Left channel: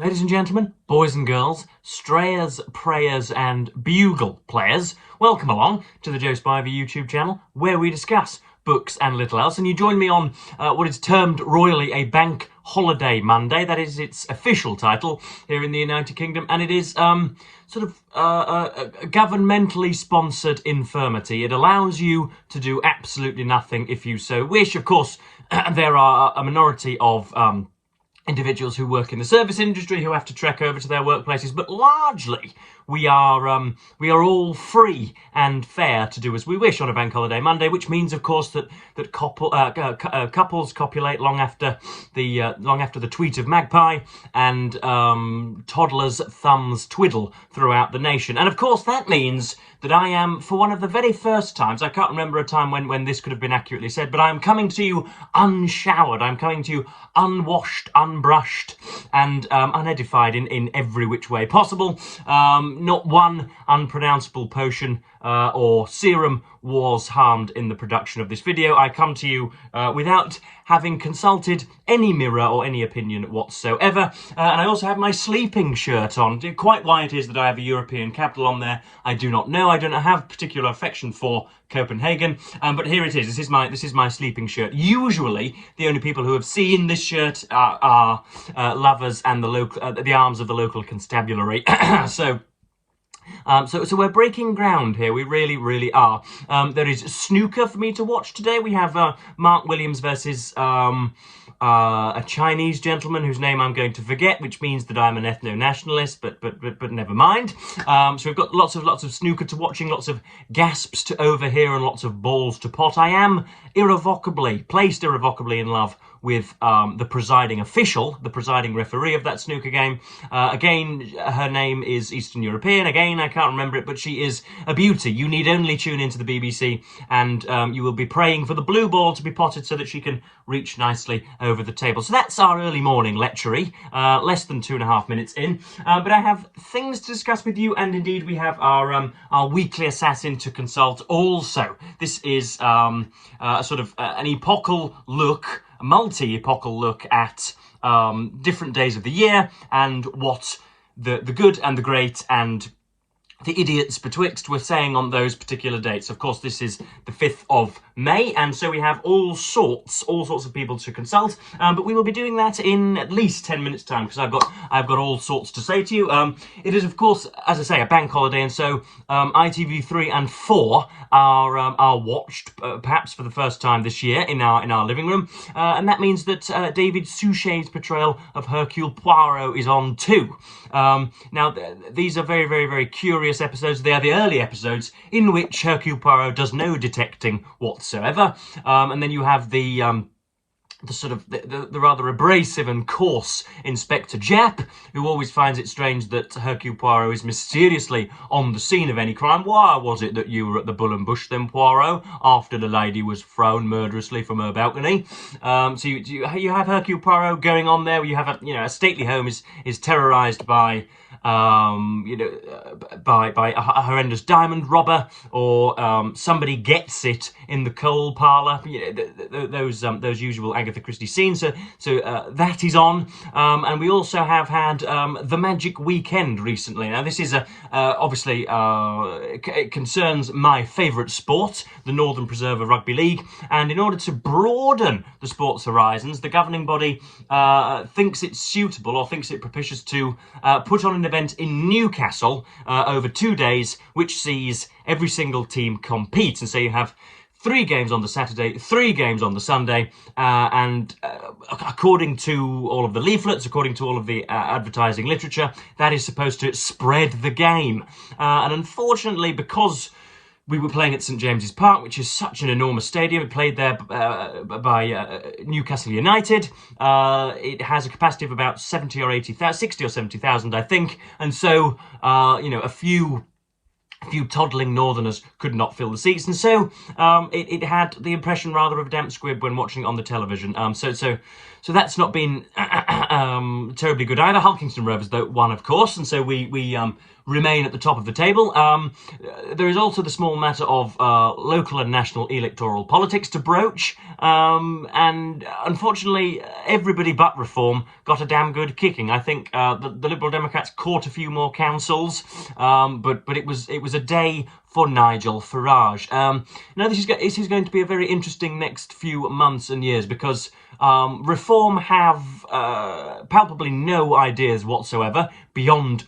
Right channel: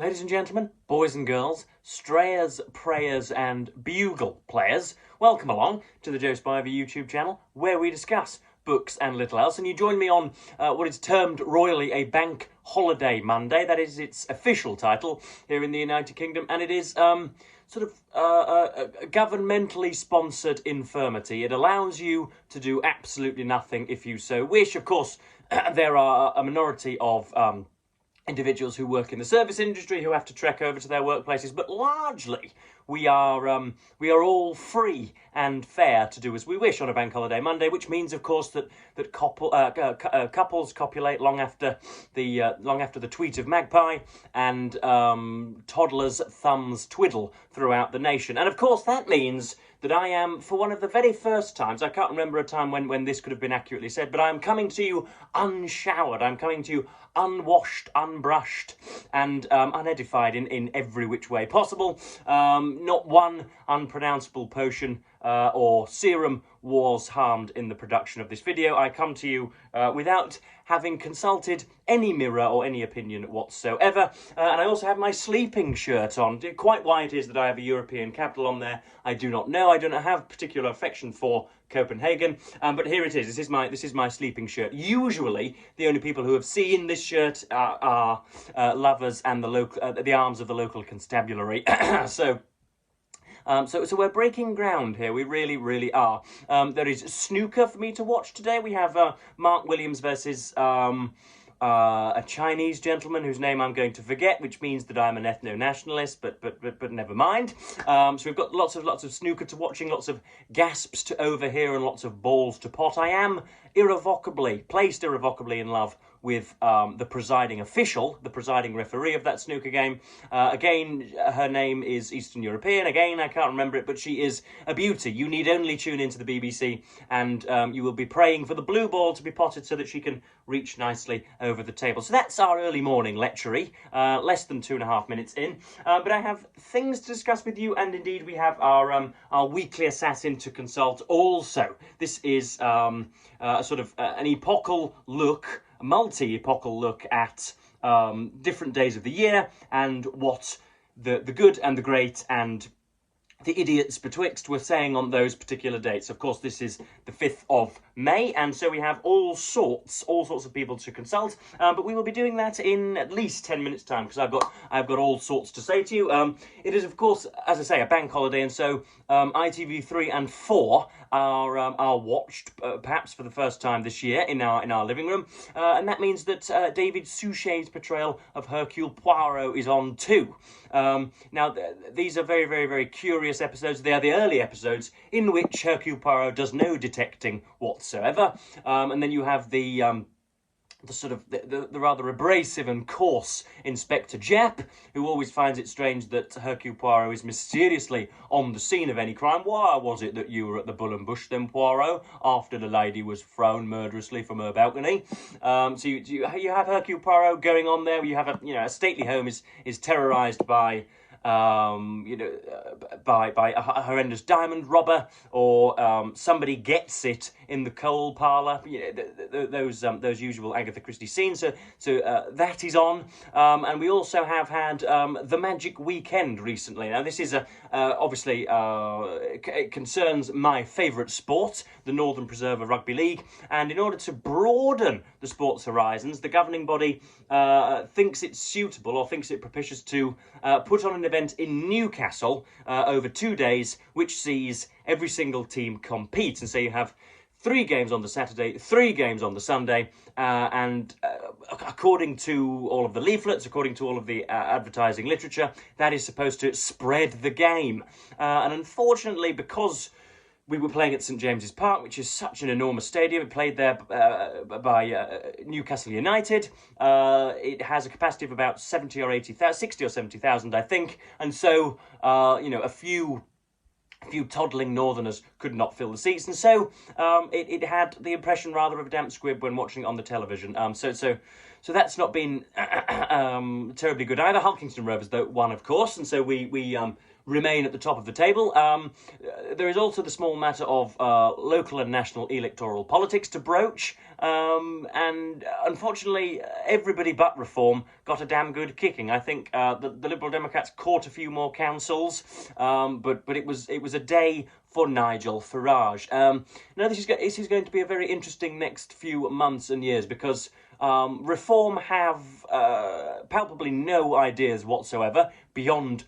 Ladies and gentlemen, boys and girls, strayers, prayers and bugle players, welcome along to the Joe Spivey YouTube channel where we discuss books and little else, and you join me on what is termed royally a Bank Holiday Monday. That is its official title here in the United Kingdom, and it is sort of a governmentally sponsored infirmity. It allows you to do absolutely nothing if you so wish. Of course, there are a minority of individuals who work in the service industry who have to trek over to their workplaces, but largely we are all free and fair to do as we wish on a Bank Holiday Monday, which means, of course, that couples copulate long after the tweet of Magpie, and toddlers' thumbs twiddle throughout the nation. And of course, that means that I am, for one of the very first times, I can't remember a time when this could have been accurately said, but I'm coming to you unshowered. I'm coming to you unwashed, unbrushed, and unedified in every which way possible. Not one unpronounceable potion or serum was harmed in the production of this video. I come to you without having consulted any mirror or any opinion whatsoever. And I also have my sleeping shirt on. Quite why it is that I have a European capital on there, I do not know. I don't have particular affection for Copenhagen, but here it is. This is my sleeping shirt. Usually, the only people who have seen this shirt are lovers and the arms of the local constabulary. So we're breaking ground here. We really, really are. There is snooker for me to watch today. We have Mark Williams versus a Chinese gentleman whose name I'm going to forget, which means that I'm an ethno-nationalist, but never mind. So we've got lots of snooker to watching, lots of gasps to overhear, and lots of balls to pot. I am placed irrevocably in love with the presiding official, the presiding referee of that snooker game. Again, her name is Eastern European. Again, I can't remember it, but she is a beauty. You need only tune into the BBC, and you will be praying for the blue ball to be potted so that she can reach nicely over the table. So that's our early morning lectury, less than 2.5 minutes in. But I have things to discuss with you, and indeed we have our weekly assassin to consult also. This is sort of an epochal look, a multi-epochal look at different days of the year and what the good and the great and the idiots betwixt were saying on those particular dates. Of course, this is the 5th of May, and so we have all sorts of people to consult. But we will be doing that in at least 10 minutes' time, because I've got all sorts to say to you. It is, of course, as I say, a bank holiday, and so ITV3 and 4 are watched, perhaps for the first time this year, in our living room, and that means that David Suchet's portrayal of Hercule Poirot is on too. Now, these are very, very, very curious episodes. They are the early episodes in which Hercule Poirot does no detecting whatsoever, and then you have the rather abrasive and coarse Inspector Japp, who always finds it strange that Hercule Poirot is mysteriously on the scene of any crime. Why was it that you were at the Bull and Bush then, Poirot, after the lady was thrown murderously from her balcony? So you have Hercule Poirot going on there. You have a stately home is terrorised by by a horrendous diamond robber, or somebody gets it in the coal parlour. Those usual Agatha Christie scenes. So that is on, and we also have had the Magic Weekend recently. Now this is obviously it concerns my favourite sport, the Northern Preserver Rugby League, and in order to broaden the sport's horizons, the governing body thinks it's suitable, or thinks it propitious, to put on an event in Newcastle over 2 days, which sees every single team compete. And so you have 3 games on the Saturday, 3 games on the Sunday, and according to all of the leaflets, according to all of the advertising literature, that is supposed to spread the game. And unfortunately, because we were playing at St James's Park, which is such an enormous stadium. It played there by Newcastle United. It has a capacity of about 60 or 70,000, I think. And so, a few toddling northerners could not fill the seats, and so it had the impression rather of a damp squib when watching it on the television. So that's not been terribly good either. Hulkingston Rovers, though, won, of course, and so we remain at the top of the table. There is also the small matter of local and national electoral politics to broach, and unfortunately, everybody but Reform got a damn good kicking. I think the Liberal Democrats caught a few more councils, but it was a day for Nigel Farage. Now, this is going to be a very interesting next few months and years, because Reform have palpably no ideas whatsoever beyond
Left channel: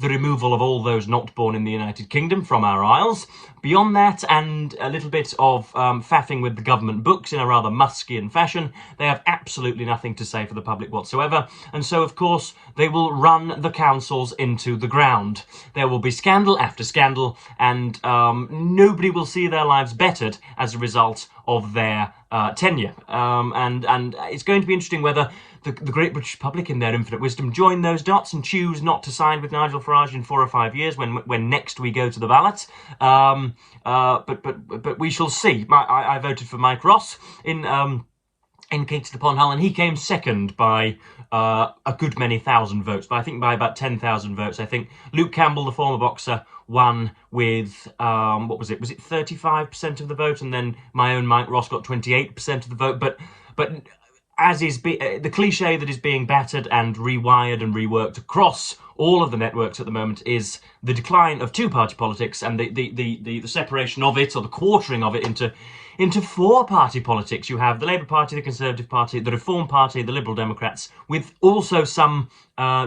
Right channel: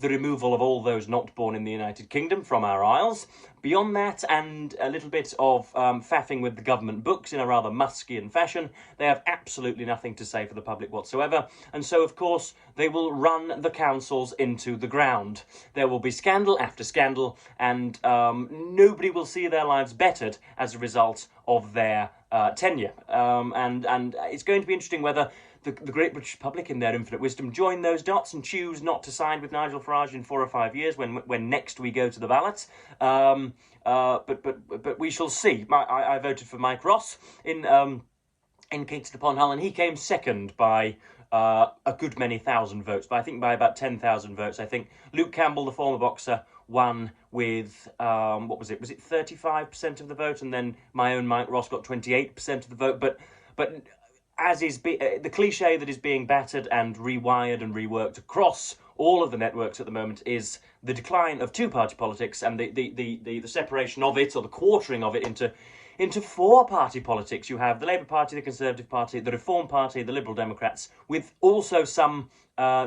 the removal of all those not born in the United Kingdom from our isles. Beyond that, and a little bit of faffing with the government books in a rather Muskian fashion, they have absolutely nothing to say for the public whatsoever, and so, of course, they will run the councils into the ground. There will be scandal after scandal, and nobody will see their lives bettered as a result of their tenure. And it's going to be interesting whether the great British public, in their infinite wisdom, join those dots and choose not to side with Nigel Farage in 4 or 5 years when next we go to the ballot. But we shall see. I voted for Mike Ross in Kingston upon Hull, and he came second by a good many thousand votes, but I think by about 10,000 votes. I think Luke Campbell, the former boxer, won with, what was it? Was it 35% of the vote? And then my own Mike Ross got 28% of the vote. But as is the cliche that is being battered and rewired and reworked across all of the networks at the moment is the decline of two-party politics and the separation of it, or the quartering of it, into four-party politics. You have the Labour Party, the Conservative Party, the Reform Party, the Liberal Democrats, with also some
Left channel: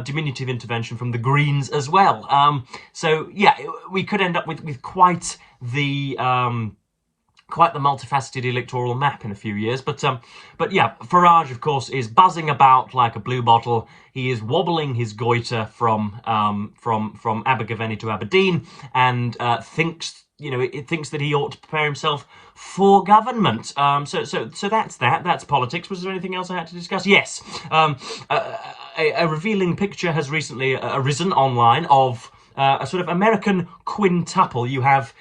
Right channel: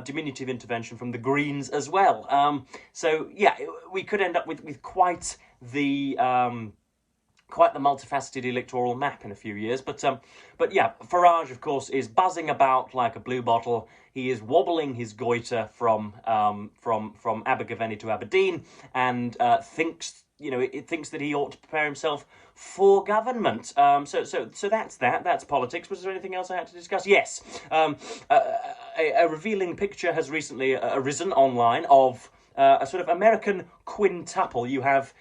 diminutive intervention from the Greens as well. So yeah, we could end up with quite the multifaceted electoral map in a few years. But yeah, Farage, of course, is buzzing about like a blue bottle. He is wobbling his goiter from Abergavenny to Aberdeen, and thinks that he ought to prepare himself for government. So that's that. That's politics. Was there anything else I had to discuss? Yes. A revealing picture has recently arisen online of a sort of American quintuple. You have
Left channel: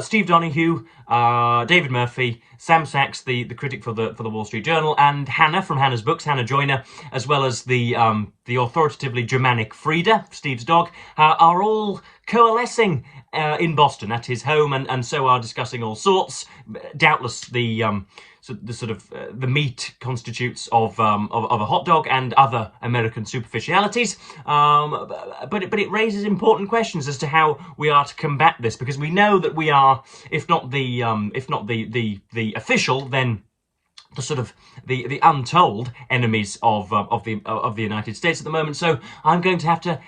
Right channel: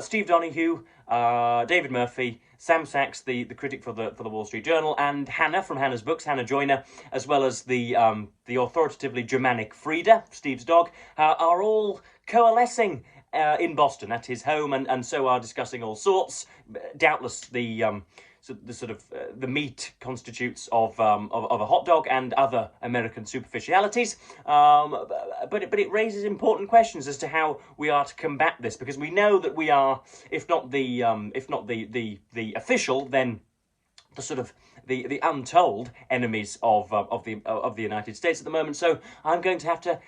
Steve Donoghue, David Murphy, Sam Sachs, the critic for the Wall Street Journal, and Hannah from Hannah's Books, Hannah Joyner, as well as the authoritatively Germanic Frida, Steve's dog, are all coalescing in Boston at his home, and so are discussing all sorts. Doubtless the meat constitutes of a hot dog and other American superficialities, but it raises important questions as to how we are to combat this, because we know that we are, if not the official, then the sort of the untold enemies of the United States at the moment. So I'm going to have to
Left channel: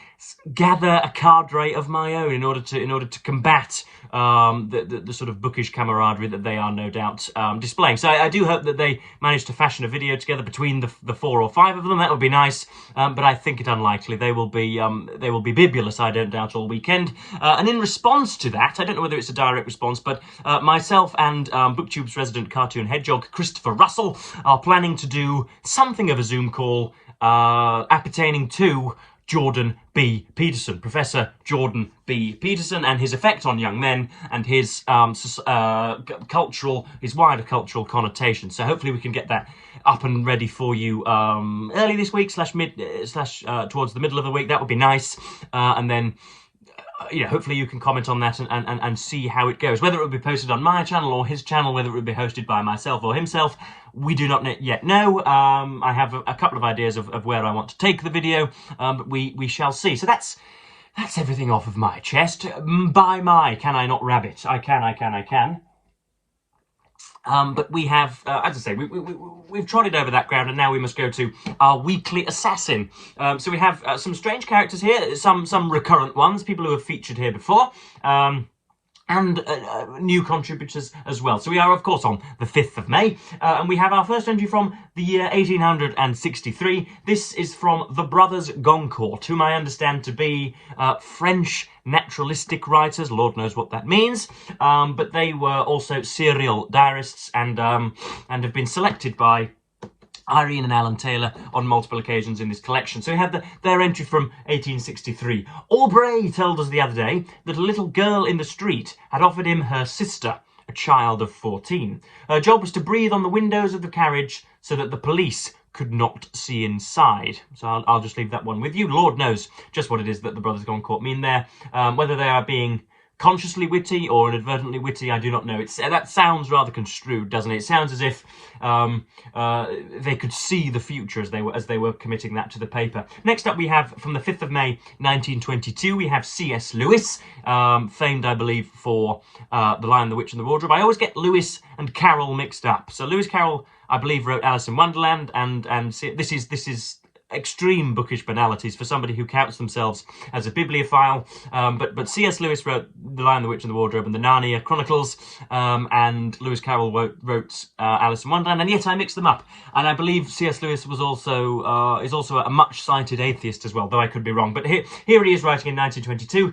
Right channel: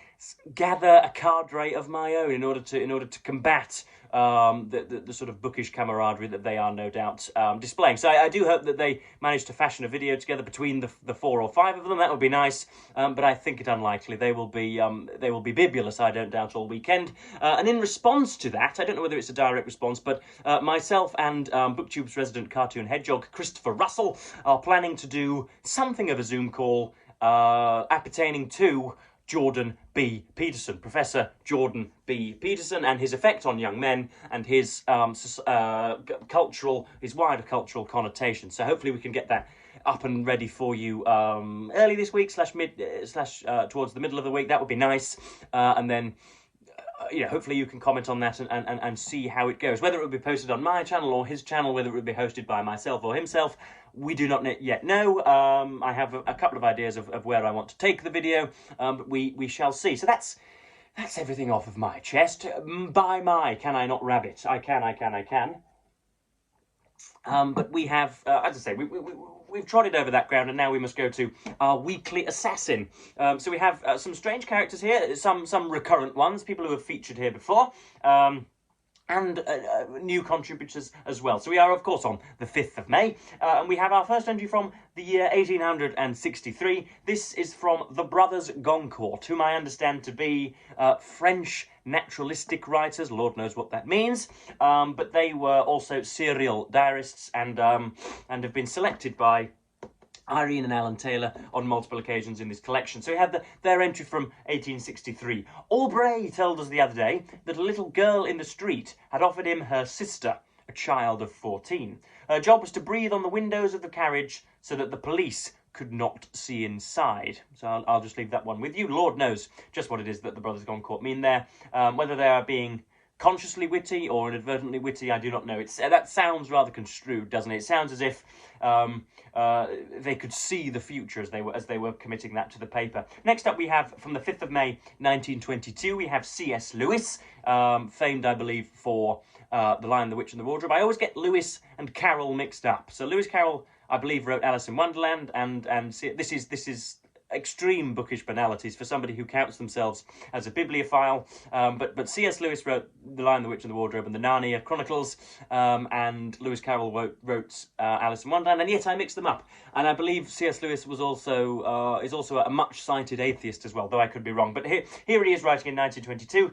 gather a cadre of my own in order to combat the sort of bookish camaraderie that they are no doubt displaying. So I do hope that they manage to fashion a video together between the 4 or 5 of them. That would be nice, but I think it unlikely. They will be bibulous, I don't doubt, all weekend. And in response to that, I don't know whether it's a direct response, but myself and BookTube's resident cartoon hedgehog Christopher Russell are planning to do something of a Zoom call appertaining to Jordan B. Peterson, Professor Jordan B. Peterson, and his effect on young men and his wider cultural connotation. So hopefully we can get that up and ready for you early this week / towards the middle of the week. That would be nice, and then hopefully you can comment on that and see how it goes. Whether it will be posted on my channel or his channel, whether it will be hosted by myself or himself, we do not yet know. I have a couple of ideas of where I want to take the video, but we shall see. So that's everything off of my chest. Can I not rabbit? I can. But we have, as I say, we've trotted over that ground, and now we must go to our weekly assassin. So we have some strange characters here, some recurrent ones, people who have featured here before, and new contributors as well. So we are, of course, on the 5th of May, and we have our first entry from the year 1863. This is from the Brothers Goncourt, whom I understand to be French naturalistic writers. Lord knows what that means, but they were also serial diarists and have been selected by Irene and Alan Taylor on multiple occasions in this collection. So we have their entry from 1863. Aubrey told us the other day that a little girl in the street had offered him her sister, a child of 14. Her job was to breathe on the windows of the carriage so that the police could not see inside. So I'll just leave that one with you. Lord knows just what it is that the brothers Gone Court mean there. Whether they are being consciously witty or inadvertently witty, I do not know. That sounds rather construed, doesn't it? It sounds as if they could see the future as they were committing that to the paper. Next up, we have from the 5th of May 1922, we have C.S. Lewis, famed, I believe, for The Lion, the Witch and the Wardrobe. I always get Lewis and Carroll mixed up. So Lewis Carroll, I believe, wrote Alice in Wonderland, and this is extreme bookish banalities for somebody who counts themselves as a bibliophile. But C.S. Lewis wrote The Lion, the Witch and the Wardrobe and the Narnia Chronicles, and Lewis Carroll wrote Alice in Wonderland, and yet I mixed them up. And I believe C.S. Lewis was also is also a much-cited atheist as well, though I could be wrong. But here he is writing in 1922.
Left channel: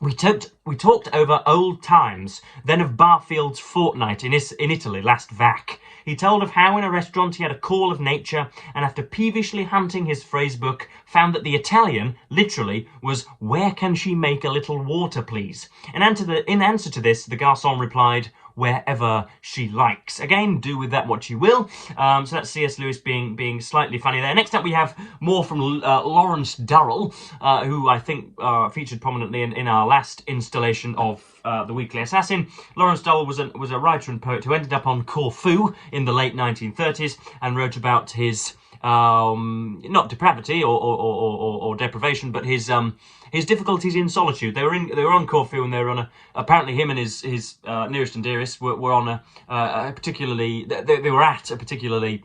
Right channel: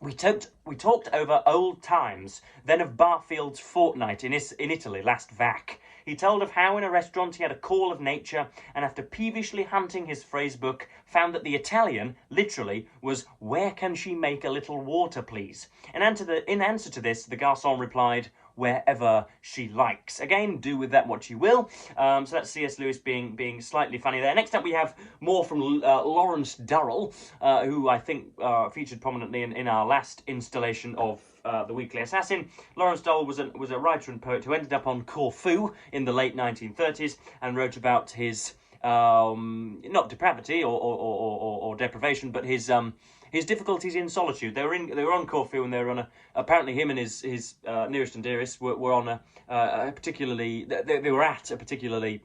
We talked over old times, then of Barfield's fortnight in Italy last vac. He told of how in a restaurant he had a call of nature, and after peevishly hunting his phrase book, found that the Italian, literally, was, "Where can she make a little water, please?" In answer to this, the garçon replied, "Wherever she likes." Again, do with that what you will. So that's C.S. Lewis being slightly funny there. Next up, we have more from Lawrence Durrell, who I think featured prominently in our last installation of The Weekly Assassin. Lawrence Durrell was a writer and poet who ended up on Corfu in the late 1930s and wrote about his not depravity or deprivation, but his difficulties in solitude. They were on Corfu, and they were on apparently him and his nearest and dearest were on a particularly they were at a particularly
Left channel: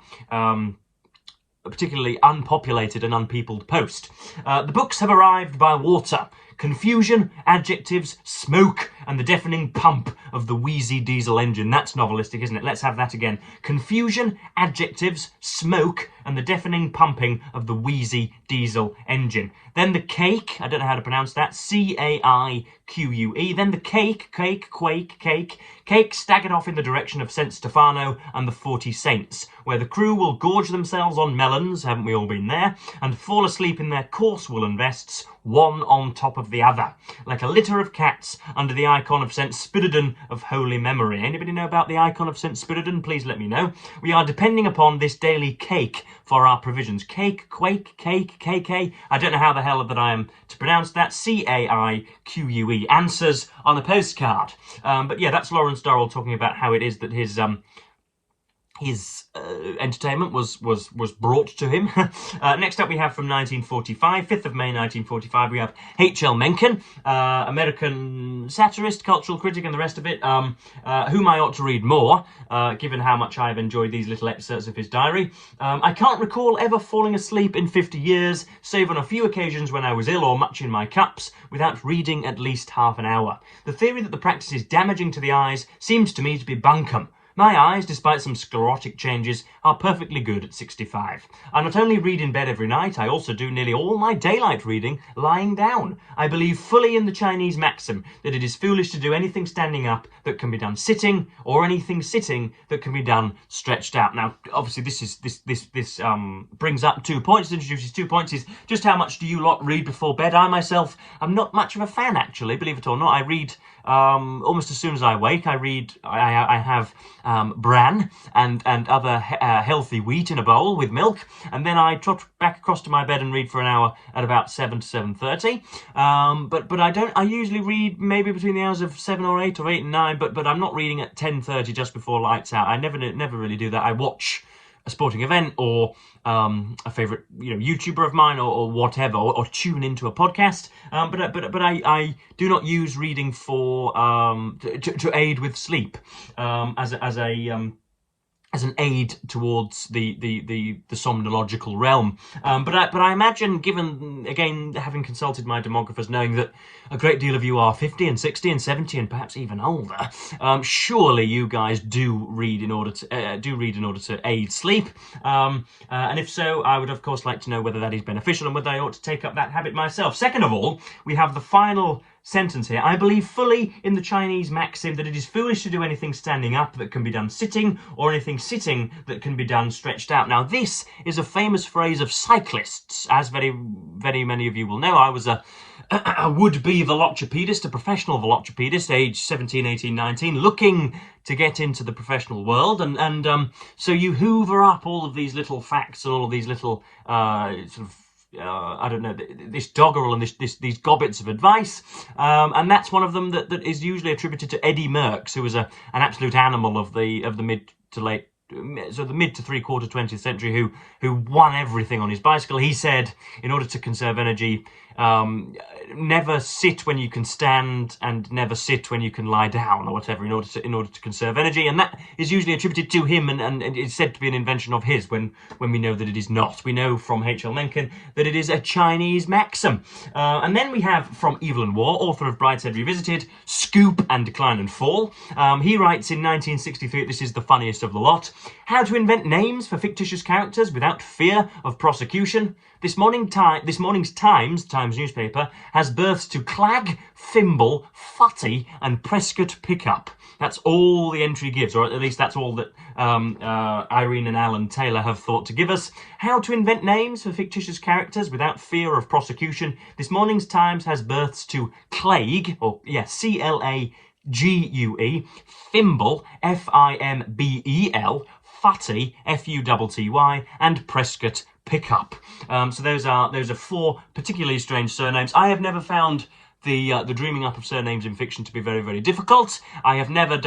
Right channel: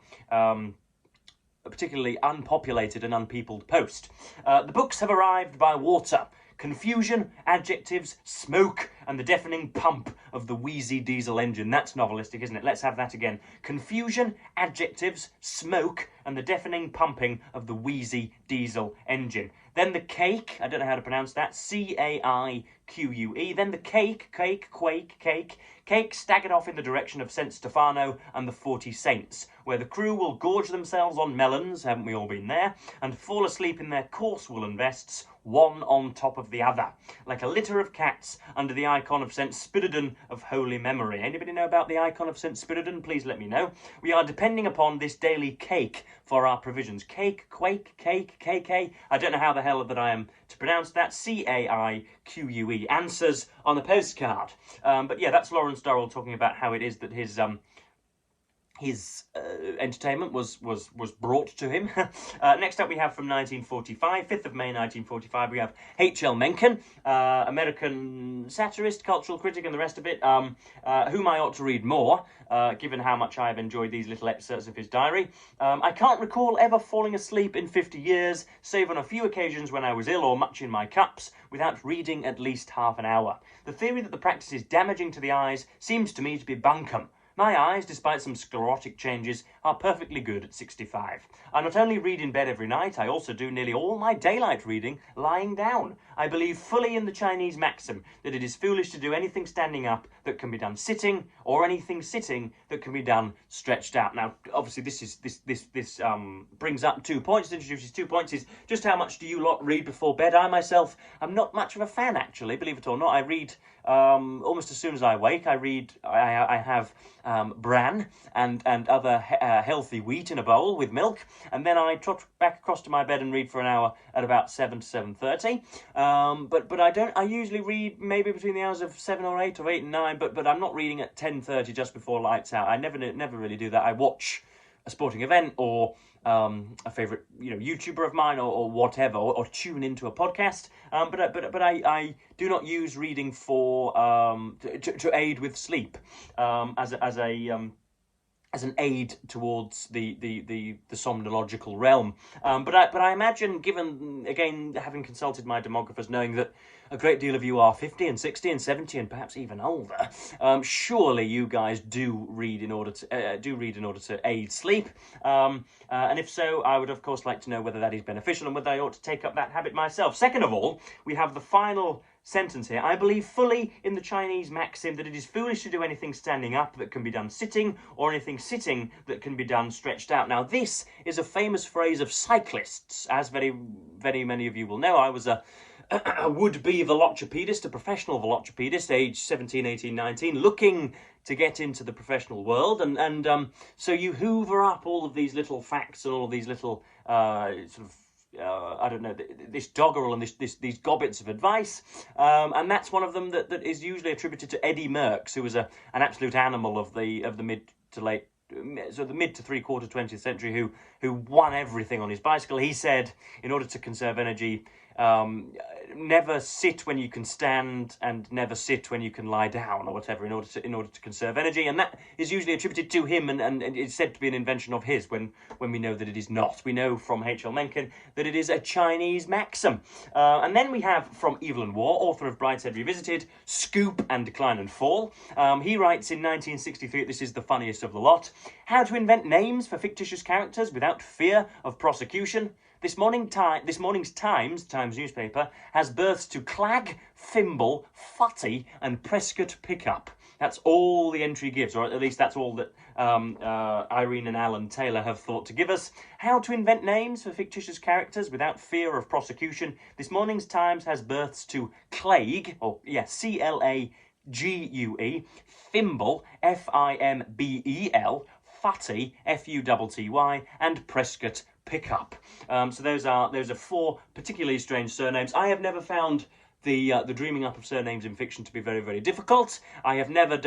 unpopulated and unpeopled post. The books have arrived by water. Confusion, adjectives, smoke, and the deafening pump of the wheezy diesel engine. That's novelistic, isn't it? Let's have that again. Confusion, adjectives, smoke, and the deafening pumping of the wheezy diesel engine. Then the cake, I don't know how to pronounce that, C-A-I-Q-U-E. Then the cake staggered off in the direction of St. Stefano and the 40 Saints, where the crew will gorge themselves on melons, haven't we all been there, and fall asleep in their coarse woolen vests, one on top of the other, like a litter of cats under the icon of St. Spiridon of holy memory. Anybody know about the icon of St. Spiridon? Please let me know. We are depending upon this daily cake for our provisions. Cake, quake, cake, KK. I don't know how the hell that I am to pronounce that. C-A-I-Q-U-E. Answers on a postcard. But yeah, that's Lawrence Durrell talking about how it is that his entertainment was brought to him. Next up we have from 1945, 5th of May 1945, we have H.L. Mencken, American satirist, cultural critic and the rest of it, whom I ought to read more, given how much I have enjoyed these little excerpts of his diary. I can't recall ever falling asleep in 50 years, save on a few occasions when I was ill or much in my cups, without reading at least half an hour. The theory that the practice is damaging to the eyes seems to me to be bunkum. My eyes, despite some sclerotic changes, are perfectly good at 65. I not only read in bed every night, I also do nearly all my daylight reading lying down. I believe fully in the Chinese maxim that it is foolish to do anything standing up that can be done sitting, or anything sitting that can be done stretched out. Now, obviously, this brings up 2 points, introduces 2 points, is just how much do you lot read before bed? I myself am not much of a fan, actually, believe it or not. I read almost as soon as I wake. I have bran and other healthy wheat in a bowl with milk, and then I trot back across to my bed and read for an hour at about 7 to 7:30. But I usually read maybe between the hours of 7 or 8 or 8 and 9, but I'm not reading at 10:30 just before lights out. I never really do that. I watch a sporting event or a favourite YouTuber of mine or whatever, or tune into a podcast. But I do not use reading for to aid with sleep as an aid towards the somnological realm. But I imagine, given, again, having consulted my demographers, knowing that a great deal of you are 50 and 60 and 70 and perhaps even older, surely you guys do read in order to aid sleep. And if so, I would of course like to know whether that is beneficial and whether I ought to take up that habit myself. Second of all, we have the final sentence here. I believe fully in the Chinese maxim that it is foolish to do anything standing up that can be done sitting, or anything sitting that can be done stretched out. Now, this is a famous phrase of cyclists. As very, very many of you will know, I was a a would-be velocipedist, a professional velocipedist, age 17, 18, 19, looking to get into the professional world, and so you hoover up all of these little facts and all of these little sort of I don't know, this doggerel and these gobbets of advice, and that's one of them that is usually attributed to Eddie Merckx, who was an absolute animal of the mid to three-quarter 20th century, who won everything on his bicycle. He said, in order to conserve energy, never sit when you can stand and never sit when you can lie down, or whatever, in order to conserve energy. And that is usually attributed to him, and it's said to be an invention of his, when we know that it is not. We know from H.L. Mencken that it is a Chinese maxim. And then we have, from Evil and War, author of Brideshead Revisited, Scoop and Decline and Fall. He writes in 1963, this is the funniest of the lot, how to invent names for fictitious characters without fear of prosecution. This morning's Times newspaper has births to Clag, Thimble, Futty and Prescott Pickup. That's all the entry gives, or at least that's all that Irene and Alan Taylor have thought to give us. How to invent names for fictitious characters without fear of prosecution. This morning's Times has births to Clague, or yeah, C-L-A-G-U-E, Thimble, F-I-M-B-E-L, Futty, F-U-T-T-Y, and Prescott Pickup. So those are four particularly strange surnames. I have never found the dreaming up of surnames in fiction to be very, very difficult. I have never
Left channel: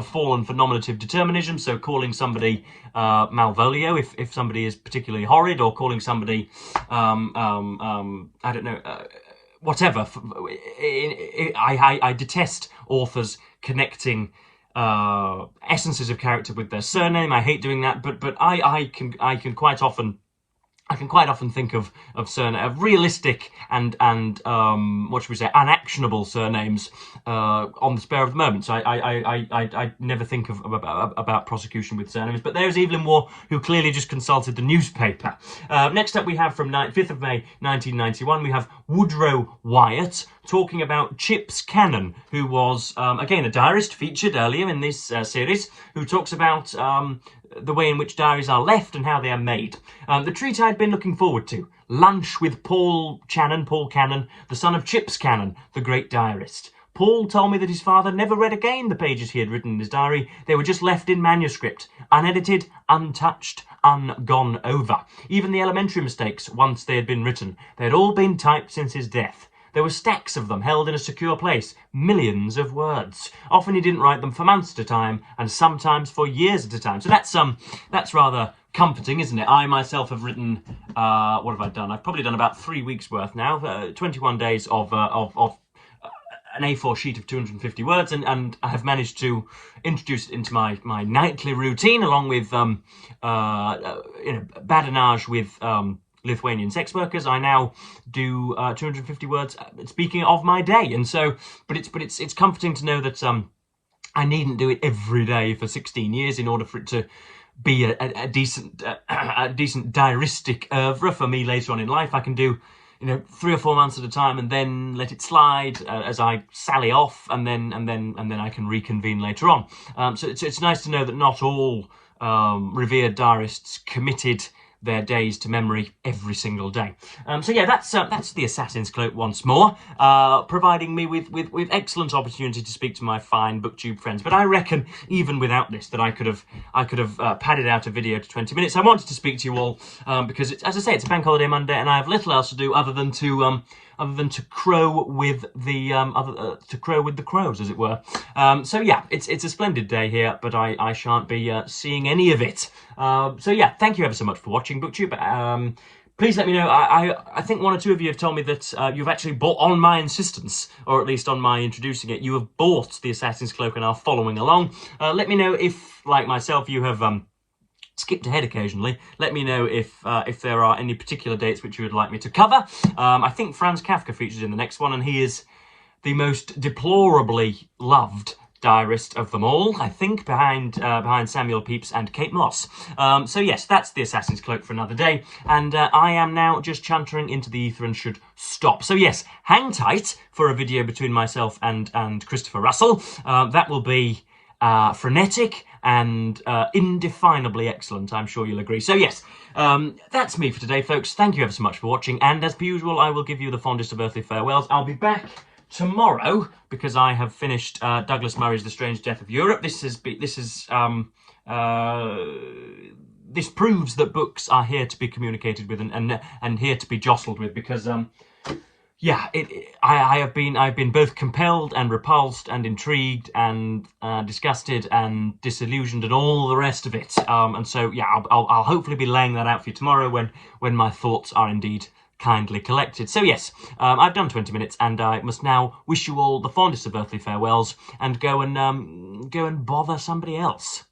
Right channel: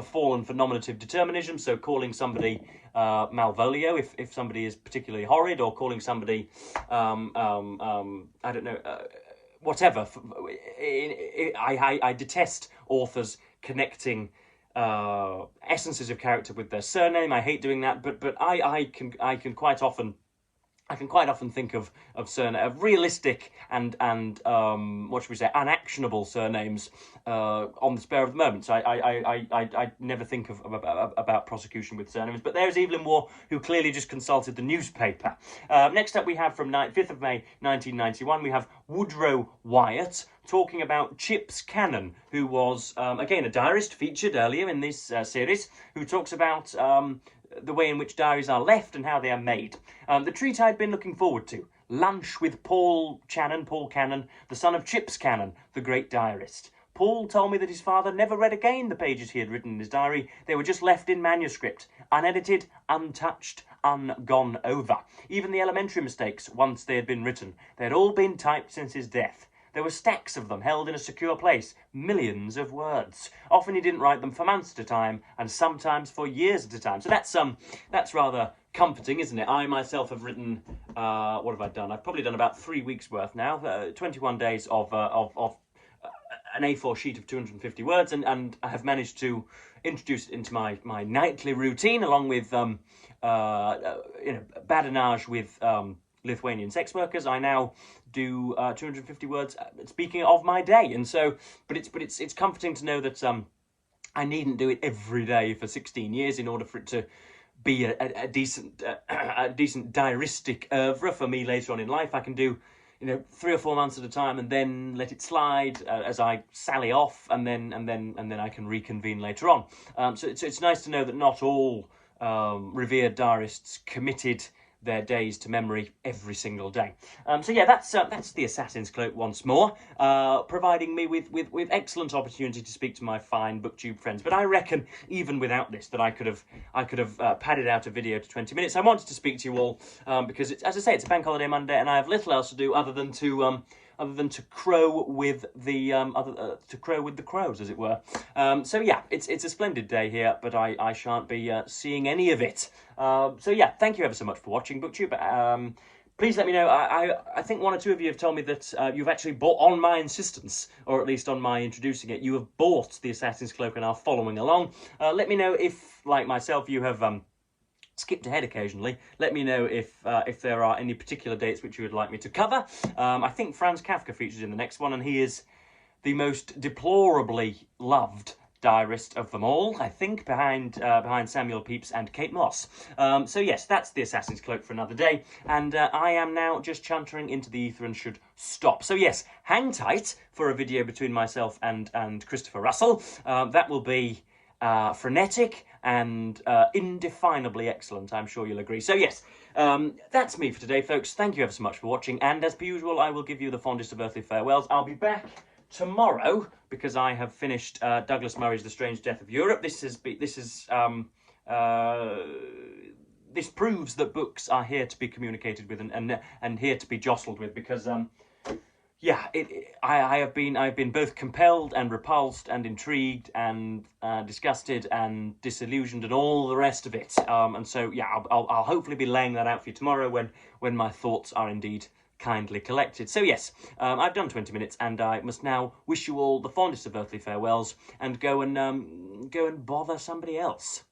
fallen for nominative determinism, so calling somebody Malvolio if somebody is particularly horrid, or calling somebody I don't know, whatever. I detest authors connecting essences of character with their surname. I hate doing that, but I can quite often think of realistic and what should we say, unactionable surnames on the spur of the moment. So I never think about prosecution with surnames. But there's Evelyn Waugh, who clearly just consulted the newspaper. Next up, we have from 5th of May 1991, we have Woodrow Wyatt talking about Chips Cannon, who was again a diarist featured earlier in this series, who talks about the way in which diaries are left and how they are made. The treat I'd been looking forward to. Lunch with Paul Cannon, the son of Chips Cannon, the great diarist. Paul told me that his father never read again the pages he had written in his diary. They were just left in manuscript, unedited, untouched, ungone over. Even the elementary mistakes, once they had been written, they had all been typed since his death. There were stacks of them held in a secure place, millions of words. Often he didn't write them for months at a time, and sometimes for years at a time. So that's rather comforting, isn't it? I myself have written, what have I done? I've probably done about 3 weeks worth now, 21 days of an A4 sheet of 250 words, and I have managed to introduce it into my nightly routine, along with badinage with Lithuanian sex workers. I now do 250 words speaking of my day, and so, but it's comforting to know that I needn't do it every day for 16 years in order for it to be a decent diaristic oeuvre for me later on in life. I can do 3 or 4 months at a time, and then let it slide as I sally off, and then I can reconvene later on. So it's nice to know that not all revered diarists committed their days to memory every single day. So yeah, that's the Assassin's Cloak once more, providing me with excellent opportunity to speak to my fine booktube friends. But I reckon even without this that I could have padded out a video to 20 minutes. I wanted to speak to you all because as I say, it's a bank holiday Monday, and I have little else to do other than to crow with the crows, as it were. So yeah, it's a splendid day here, but I shan't be seeing any of it. So yeah, thank you ever so much for watching BookTube. Please let me know. I think 1 or 2 of you have told me that you've actually bought, on my insistence, or at least on my introducing it, you have bought the Assassin's Cloak and are following along. Let me know if, like myself, you have skipped ahead occasionally. Let me know if there are any particular dates which you would like me to cover. I think Franz Kafka features in the next one, and he is the most deplorably loved diarist of them all, I think, behind Samuel Pepys and Kate Moss. So yes, that's the Assassin's Cloak for another day, and I am now just chuntering into the ether and should stop. So yes, hang tight for a video between myself and Christopher Russell. That will be frenetic and indefinably excellent, I'm sure you'll agree. So yes, That's me for today, folks. Thank you ever so much for watching, and as per usual, I will give you the fondest of earthly farewells. I'll be back tomorrow because I have finished Douglas Murray's The Strange Death of Europe. This proves that books are here to be communicated with and here to be jostled with, because yeah, I've been both compelled and repulsed and intrigued and disgusted and disillusioned and all the rest of it. And so yeah, I'll hopefully be laying that out for you tomorrow when my thoughts are indeed kindly collected. So yes, I've done 20 minutes, and I must now wish you all the fondest of earthly farewells and go and bother somebody else.